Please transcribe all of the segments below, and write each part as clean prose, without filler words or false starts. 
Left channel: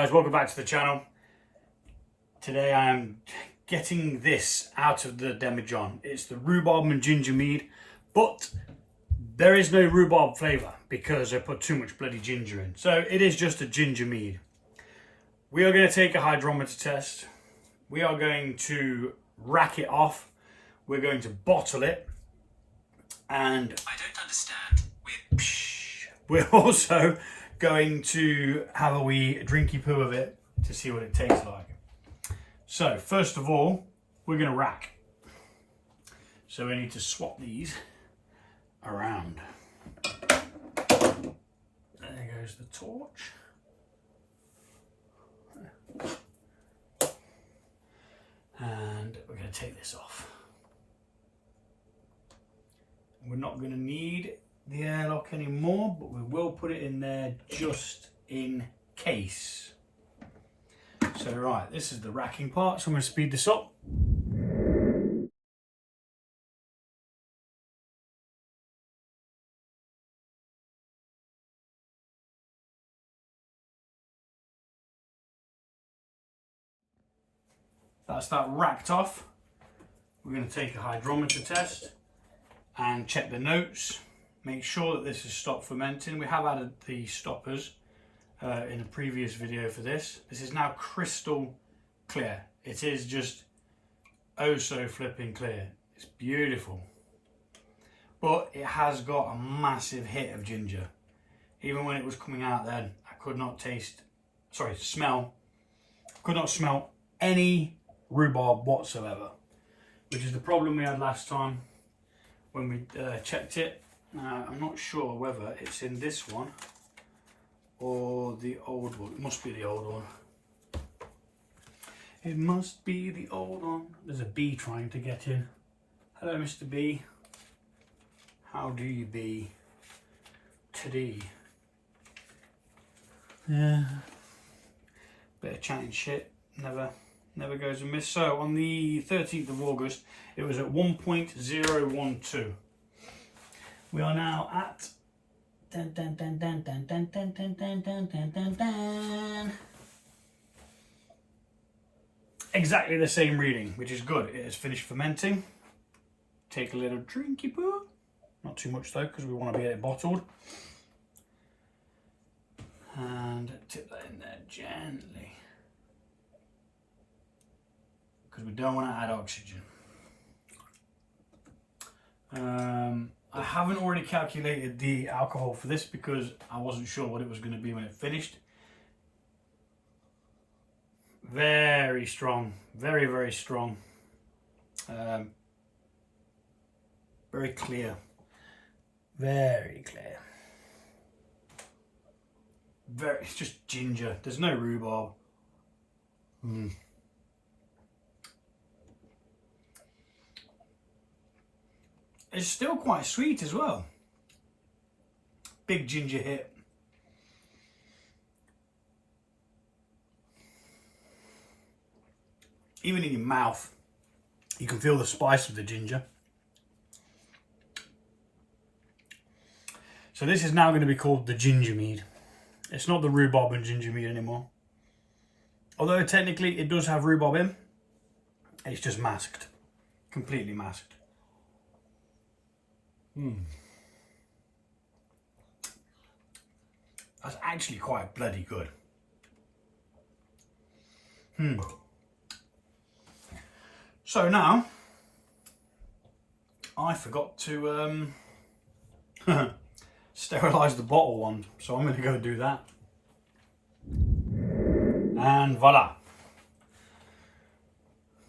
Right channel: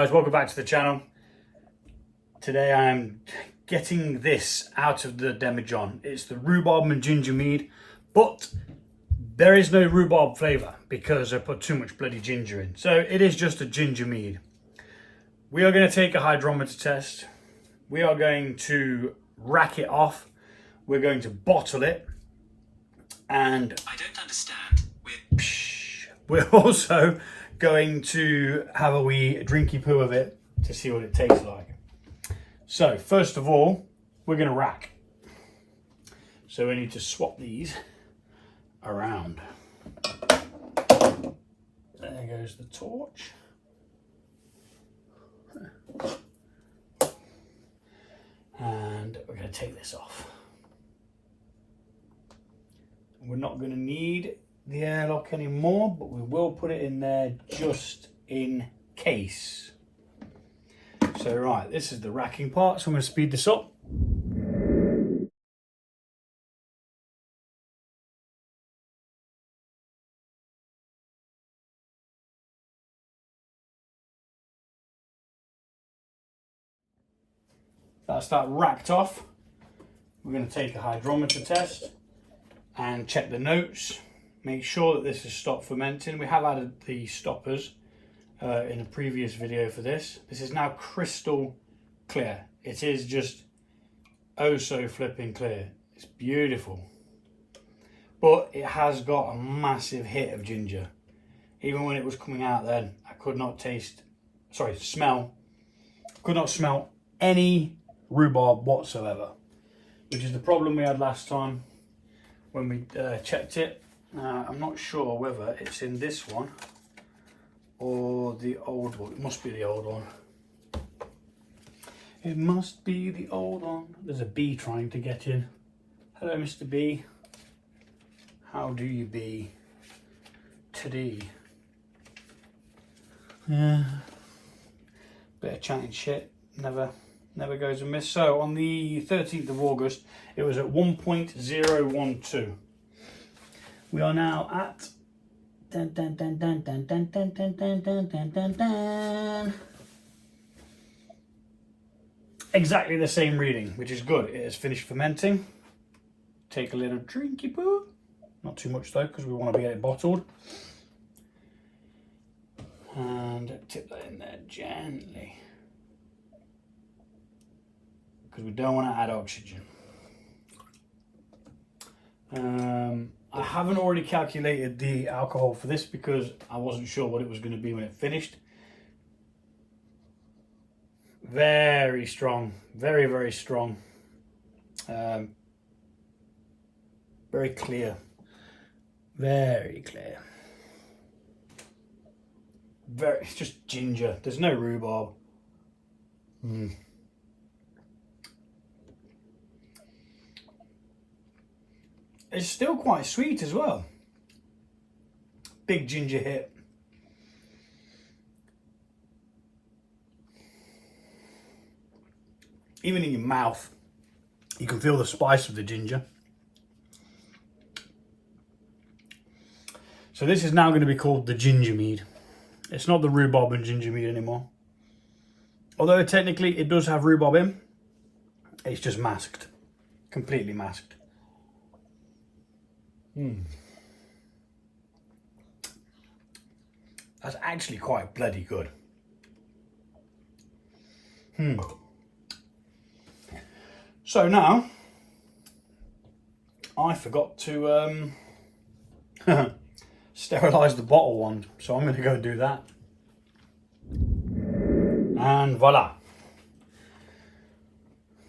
guys, welcome back to the channel. Today I am getting this out of the demijohn. It's the rhubarb and ginger mead, but there is no rhubarb flavour because I put too much bloody ginger in. So it is just a ginger mead. We are going to take a hydrometer test. We are going to rack it off. We're going to bottle it. And I don't understand. We're also going to have a wee drinky poo of it to see what it tastes like. So first of all, we're going to rack. So we need to swap these around. There goes the torch. And we're going to take this off. We're not going to need the airlock anymore, but we will put it in there just in case. So right, this is the racking part, so I'm going to speed this up. That's that racked off. We're going to take a hydrometer test and check the notes. Make sure that this has stopped fermenting. We have added the stoppers in a previous video for this. This is now crystal clear. It is just oh so flipping clear. It's beautiful. But it has got a massive hit of ginger. Even when it was coming out then, I could not smell. Could not smell any rhubarb whatsoever. Which is the problem we had last time when we checked it. I'm not sure whether it's in this one or the old one. It must be the old one. It must be the old one. There's a bee trying to get in. Hello, Mr. Bee. How do you be today? Yeah. Bit of chatting shit. Never goes amiss. So on the 13th of August, it was at 1.012. We are now at exactly the same reading, which is good. It has finished fermenting. Take a little drinky poo. Not too much though, because we want to get it bottled. And tip that in there gently, because we don't want to add oxygen. I haven't already calculated the alcohol for this because I wasn't sure what it was going to be when it finished. Very strong, very strong. Very clear, very clear. It's just ginger. There's no rhubarb. It's still quite sweet as well. Big ginger hit. Even in your mouth, you can feel the spice of the ginger. So this is now going to be called the ginger mead. It's not the rhubarb and ginger mead anymore. Although technically it does have rhubarb in, it's just masked. Completely masked. That's actually quite bloody good. So now, I forgot to sterilize the bottle wand, so I'm going to go do that. And voila,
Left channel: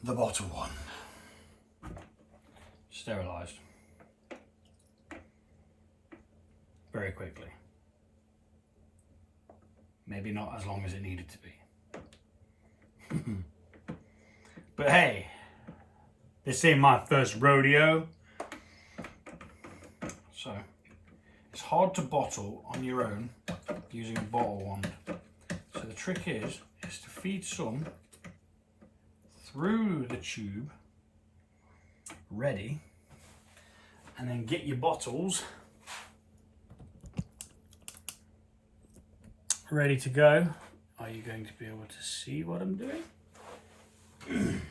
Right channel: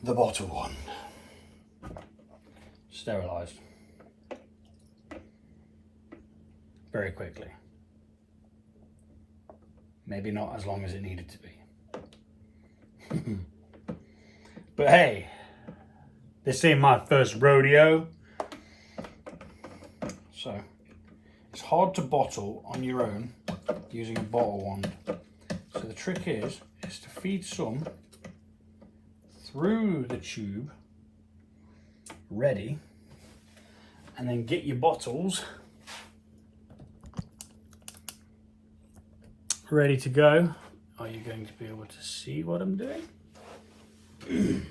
the bottle wand sterilized. Very quickly. Maybe not as long as it needed to be. But hey, this ain't my first rodeo. So, it's hard to bottle on your own using a bottle wand. So the trick is to feed some through the tube, ready, and then get your bottles ready to go are you going to be able to see what I'm doing? Do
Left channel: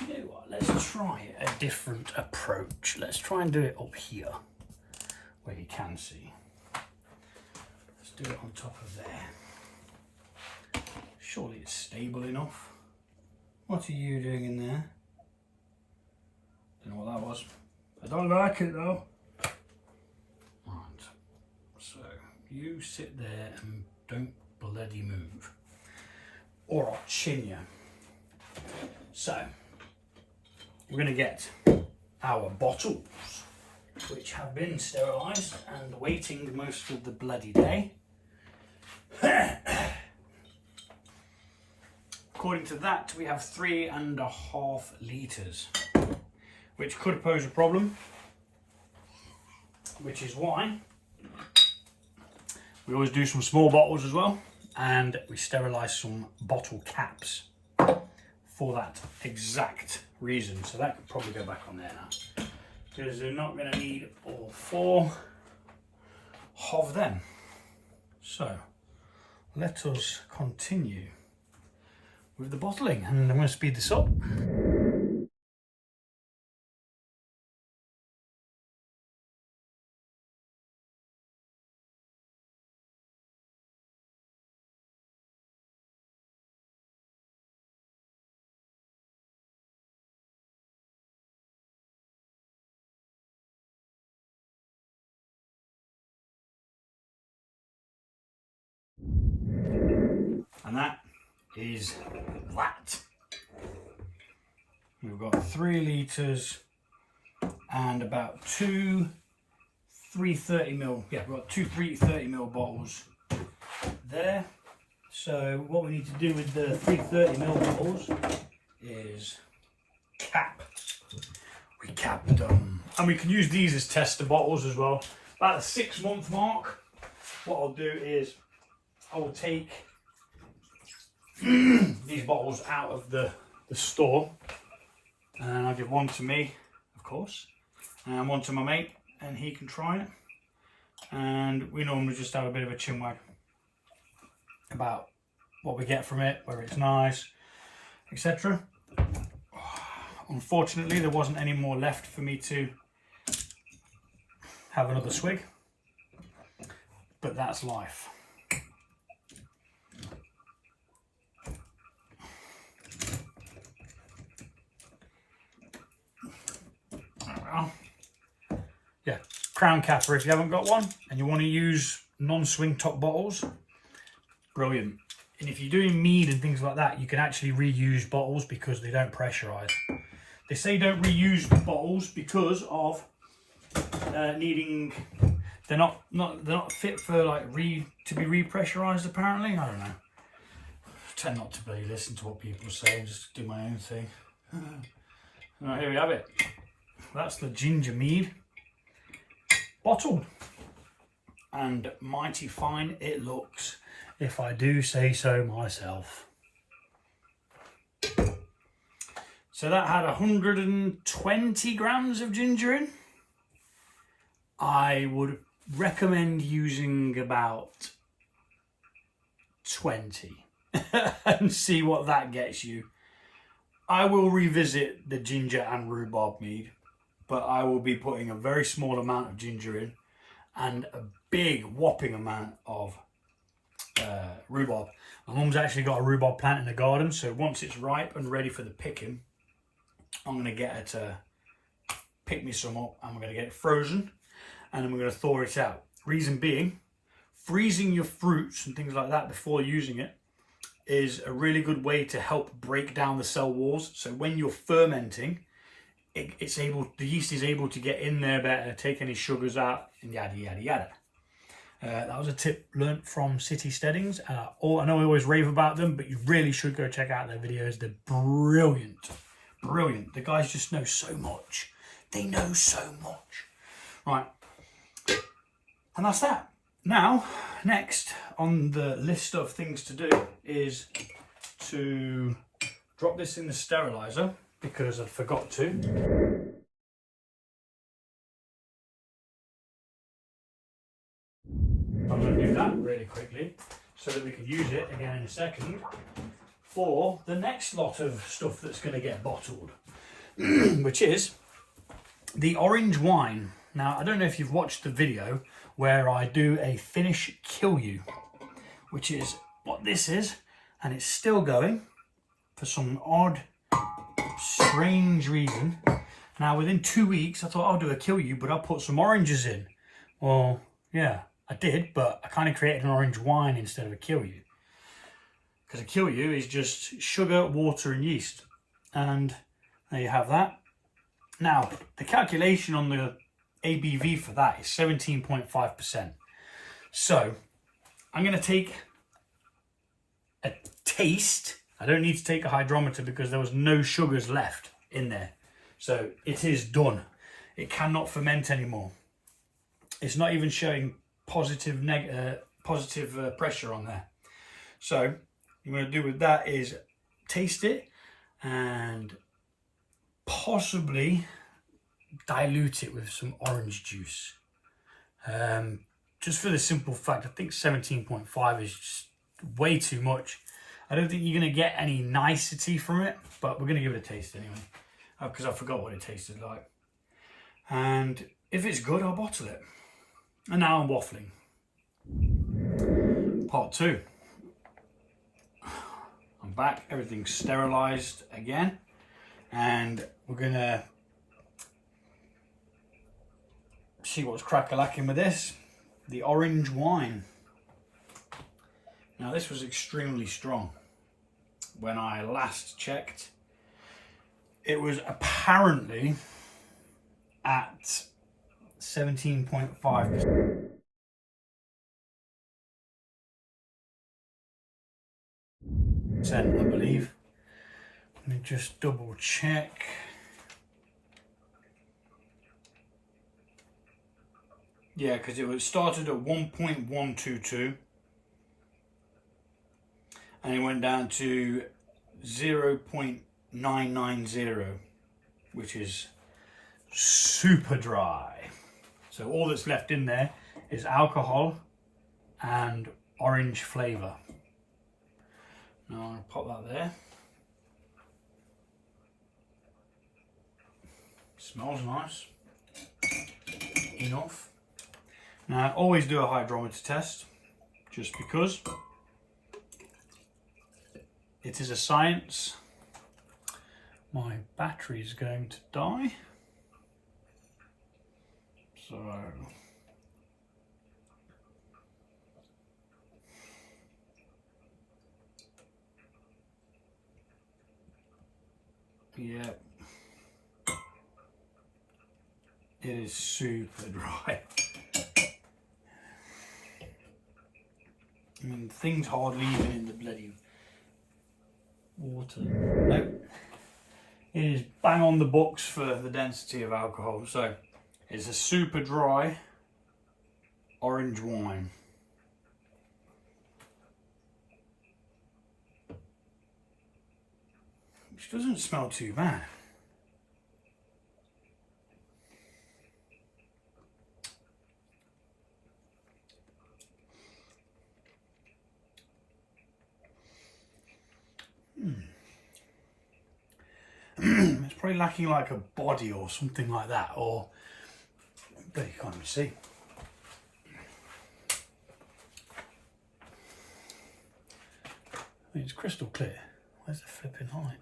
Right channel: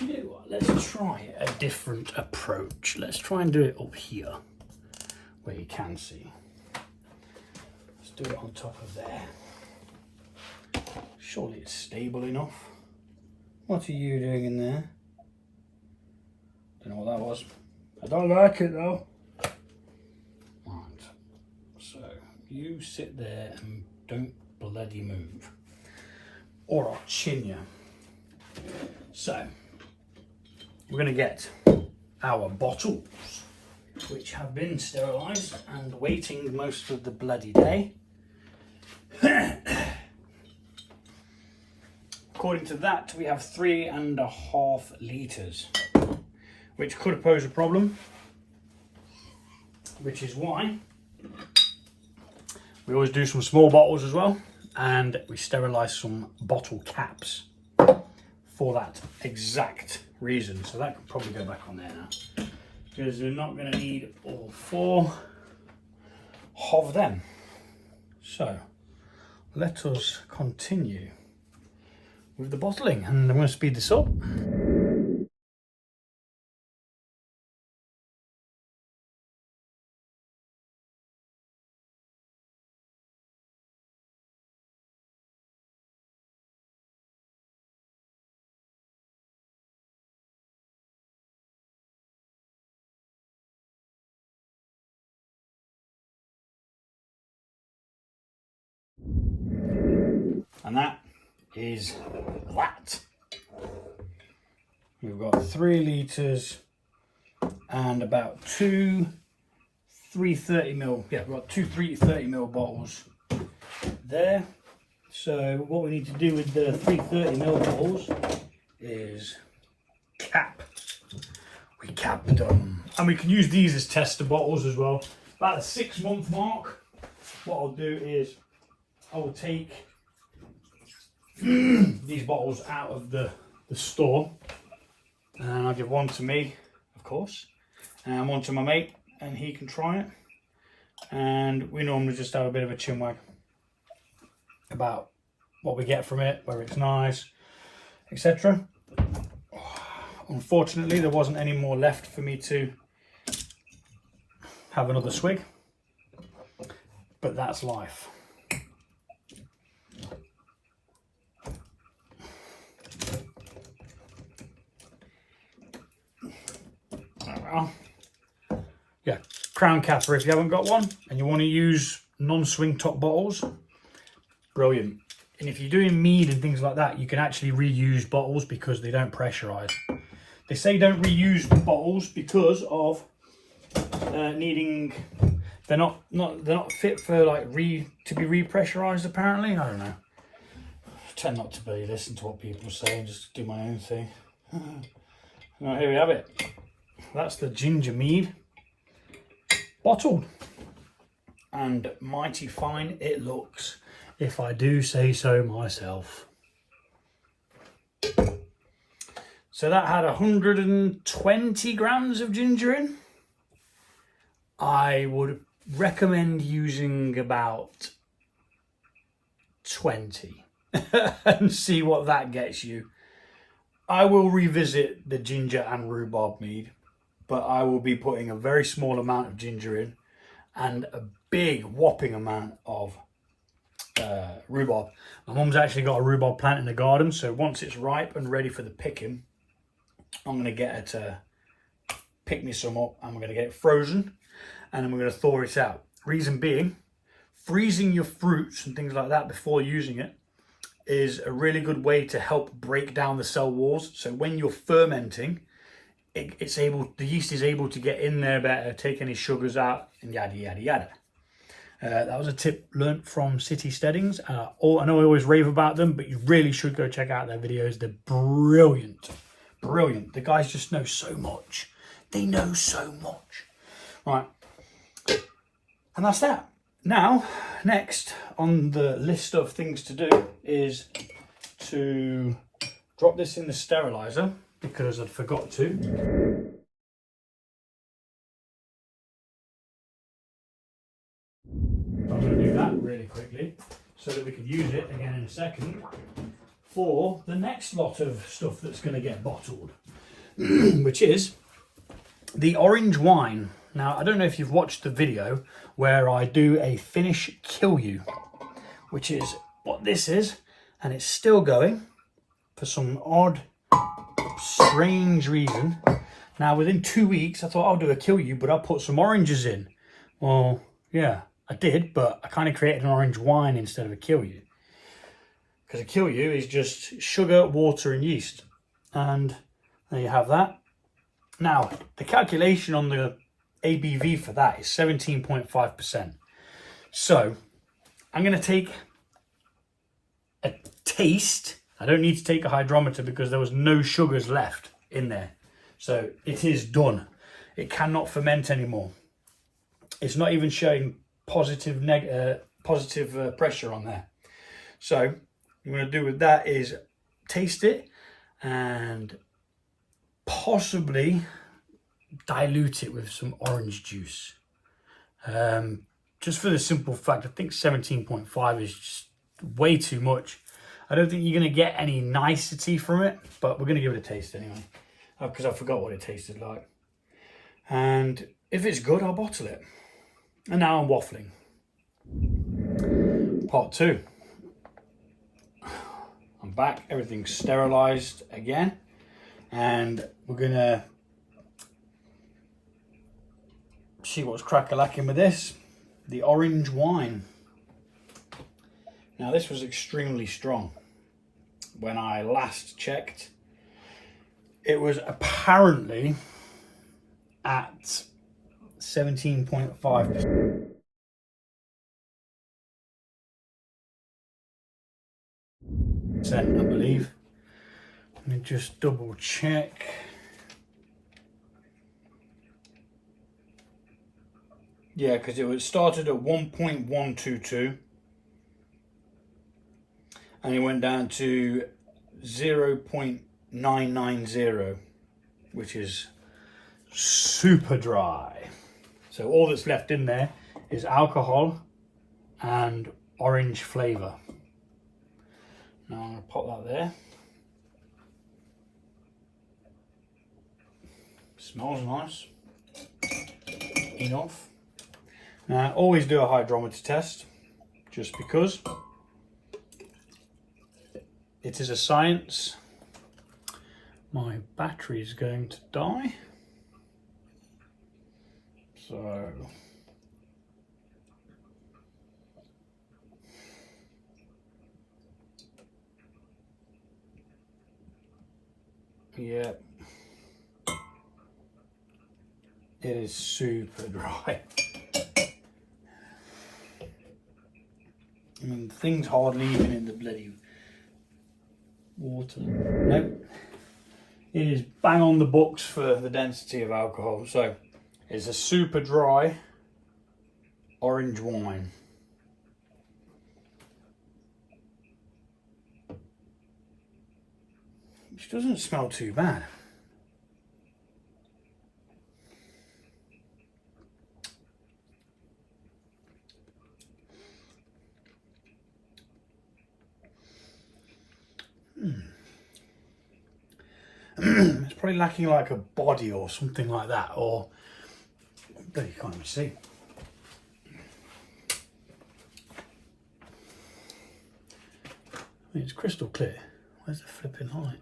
you know what? Let's try a different approach. Let's try and do it up here, where you can see. Let's do it on top of there. Surely it's stable enough. What are you doing in there? Don't know what that was. I don't like it though. Right. So you sit there and don't bloody move, or I'll chin you. So we're going to get our bottles, which have been sterilised and waiting most of the bloody day. According to that, we have 3.5 litres, which could pose a problem, which is why we always do some small bottles as well, and we sterilise some bottle caps for that exact reason. So that could probably go back on there now, because you're not going to need all 4 of them. So let us continue with the bottling, and I'm going to speed this up. And that is that. We've got 3 litres and about 2 330ml. Yeah, we've got 2 330ml bottles there. So what we need to do with the 330ml bottles is cap. We capped them. And we can use these as tester bottles as well. About the 6-month mark, what I'll do is I will take these bottles out of the store, and I'll give one to me, of course, and one to my mate, and he can try it. And we normally just have a bit of a chinwag about what we get from it, whether it's nice, etc. Unfortunately, there wasn't any more left for me to have another swig, but that's life. Yeah, crown capper if you haven't got one and you want to use non-swing top bottles, brilliant. And if you're doing mead and things like that, you can actually reuse bottles because they don't pressurize. They say don't reuse bottles because of needing, they're not fit for like to be repressurized apparently. I don't know. I tend not to really listen to what people say and just do my own thing. Well, here we have it. That's the ginger mead bottle, and mighty fine it looks, if I do say so myself. So that had 120 grams of ginger in. I would recommend using about 20 and see what that gets you. I will revisit the ginger and rhubarb mead, but I will be putting a very small amount of ginger in and a big whopping amount of rhubarb. My mum's actually got a rhubarb plant in the garden, so once it's ripe and ready for the picking, I'm going to get her to pick me some up, and we're going to get it frozen, and then we're going to thaw it out. Reason being, freezing your fruits and things like that before using it is a really good way to help break down the cell walls. So when you're fermenting, the yeast is able to get in there better, take any sugars out, and yada yada yada. That was a tip learnt from City Steadings. I know I always rave about them, but you really should go check out their videos. They're brilliant, brilliant. The guys just know so much. They know so much. Right, and that's that. Now, next on the list of things to do is to drop this in the sterilizer, because I forgot to. I was going to do so that we can use it again in a second for the next lot of stuff that's going to get bottled, which is the orange wine. Now, I don't know if you've watched the video where I do a finish kill you, which is what this is, and it's still going for some odd, strange reason. Now, within 2 weeks, I thought I'll do a kill you, but I'll put some oranges in. Well, yeah, I did, but I kind of created an orange wine instead of a kill you. Because a kill you is just sugar, water, and yeast. And there you have that. Now, the calculation on the ABV for that is 17.5%. So, I'm going to take a taste. I don't need to take a hydrometer because there was no sugars left in there. So it is done. It cannot ferment anymore. It's not even showing positive pressure on there. So what I'm going to do with that is taste it and possibly dilute it with some orange juice. Just for the simple fact, I think 17.5 is just way too much. I don't think you're going to get any nicety from it, but we're going to give it a taste anyway. Because I forgot what it tasted like. And if it's good, I'll bottle it. And now I'm waffling. Part 2. I'm back. Everything's sterilised again. And we're going to see what's crack-a-lacking with this. The orange wine. Now, this was extremely strong. When I last checked, it was apparently at 17.5%. I believe. Let me just double check. Yeah, because it was started at 1.122 and it went down to 0.990, which is super dry. So all that's left in there is alcohol and orange flavour. Now I'm going to pop that there. Smells nice. Enough. Now I always do a hydrometer test just because it is a science. My battery is going to die. So yeah, it is super dry. I mean, things hardly even in the bloody water. Nope. It is bang on the books for the density of alcohol. So it's a super dry orange wine. Which doesn't smell too bad. It's probably lacking like a body or something like that, or but you can't even see. I mean, it's crystal clear. Where's the flipping light?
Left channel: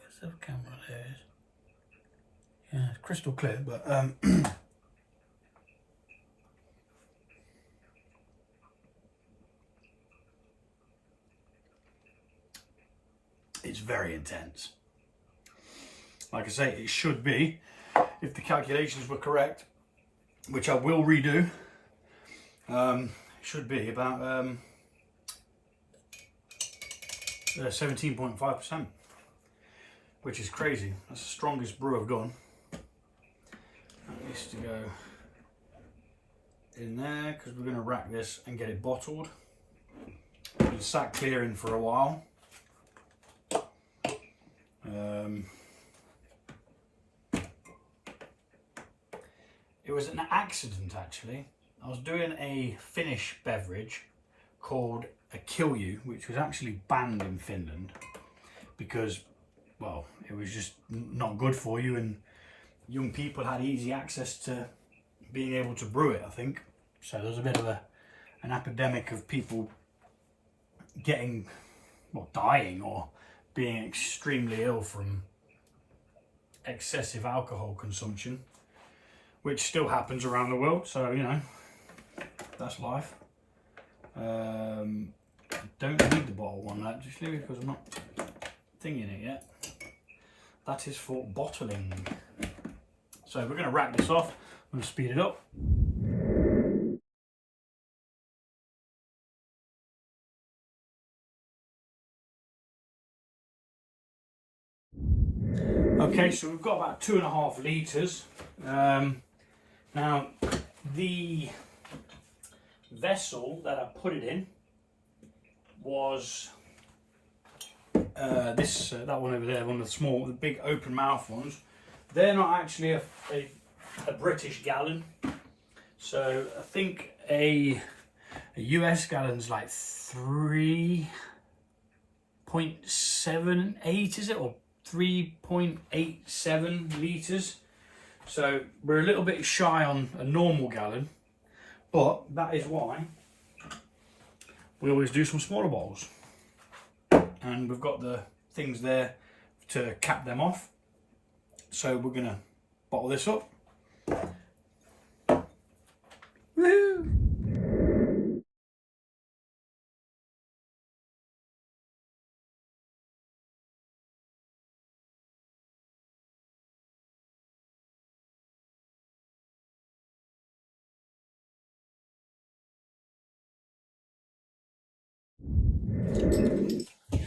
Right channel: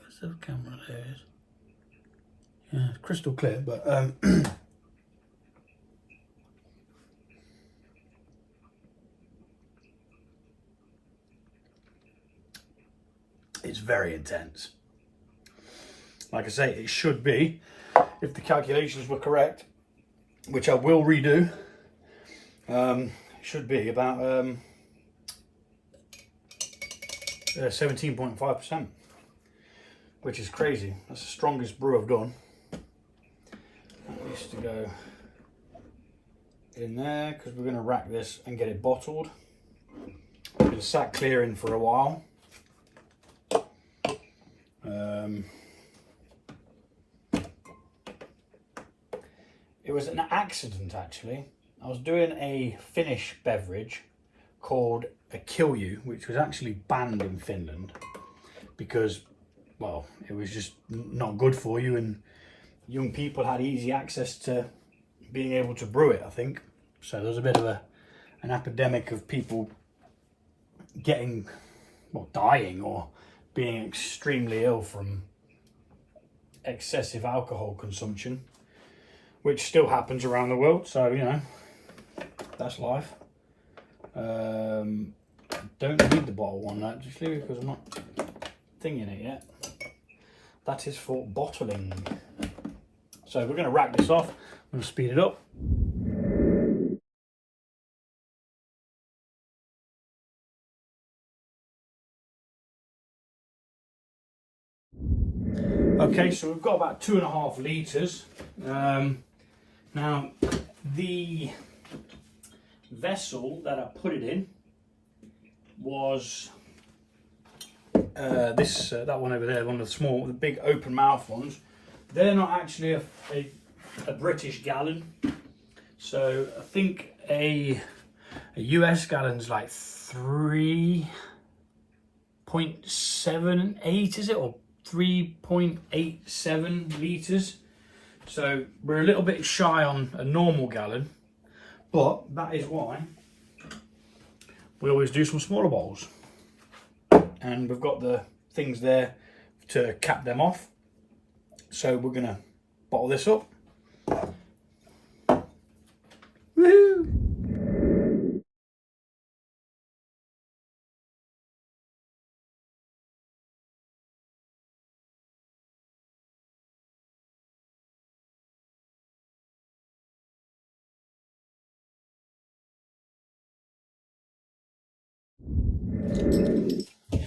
Where's the camera? There it is. Yeah, it's crystal clear, but it's very intense. Like I say, it should be, if the calculations were correct, which I will redo, should be about 17.5%, which is crazy. That's the strongest brew I've done. That needs to go in there because we're going to rack this and get it bottled. It's been sat clearing for a while. It was an accident actually. I was doing a Finnish beverage called a kilju, which was actually banned in Finland because, well, it was just not good for you, and young people had easy access to being able to brew it, I think. So there was a bit of an epidemic of people getting, well, dying or being extremely ill from excessive alcohol consumption, which still happens around the world. So, you know, that's life. Don't need the bottle one actually because I'm not thinking it yet. That is for bottling. So we're going to rack this off and speed it up. Okay, so we've got about 2.5 litres. Now, the vessel that I put it in was that one over there, one of the small, the big open mouth ones. They're not actually a British gallon. So I think a US gallon's like 3.78, is it? Or 3.87 litres. So we're a little bit shy on a normal gallon, but that is why we always do some smaller bottles. And we've got the things there to cap them off. So we're gonna bottle this up. Woohoo!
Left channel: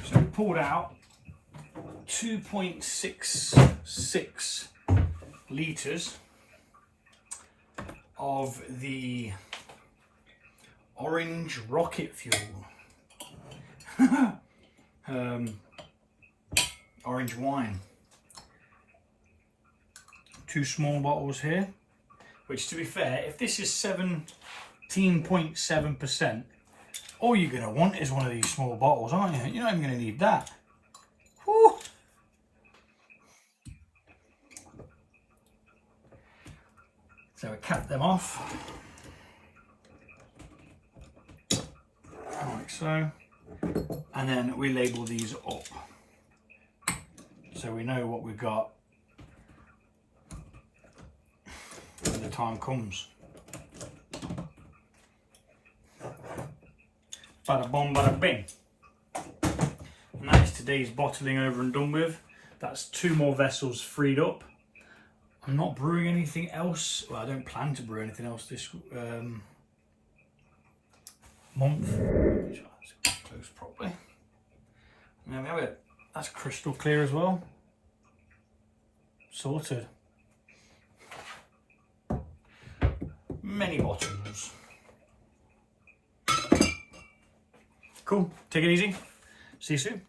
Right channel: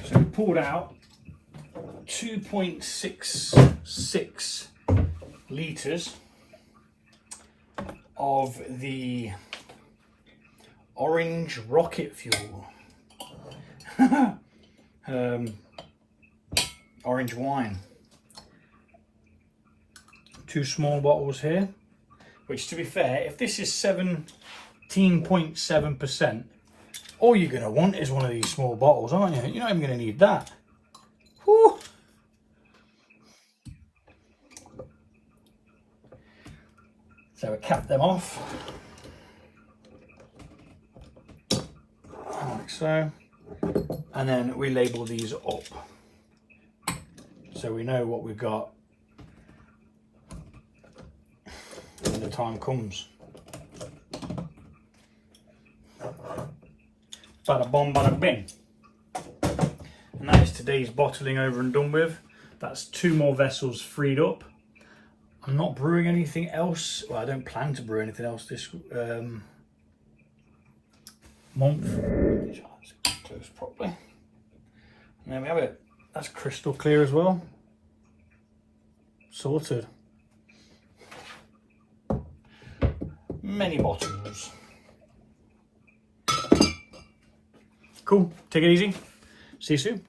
So we pulled out 2.66 litres of the orange rocket fuel. Orange wine. 2 small bottles here, which, to be fair, if this is 17.7%, all you're going to want is one of these small bottles, aren't you? You're not even going to need that. Whew. So we cap them off, like so, and then we label these up so we know what we've got when the time comes. Bada bom, bada bing. And that is today's bottling over and done with. That's 2 more vessels freed up. I'm not brewing anything else. Well, I don't plan to brew anything else this month. Close properly. And there we have it. That's crystal clear as well. Sorted. Many bottles. Cool. Take it easy. See you soon.